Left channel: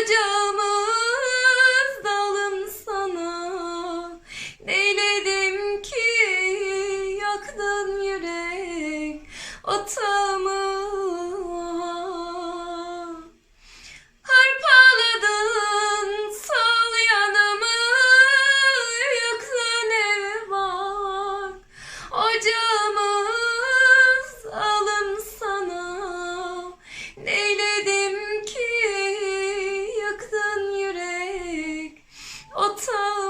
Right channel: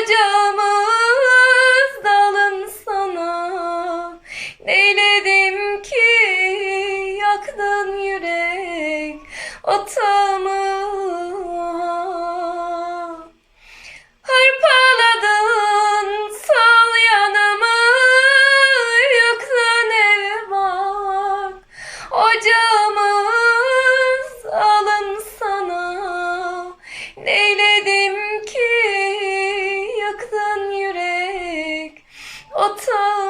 kocamız dalım sana. Neyledim ki yaktın yürek? Otamı Otağım.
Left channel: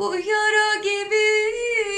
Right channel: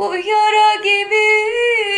bu yara gibi.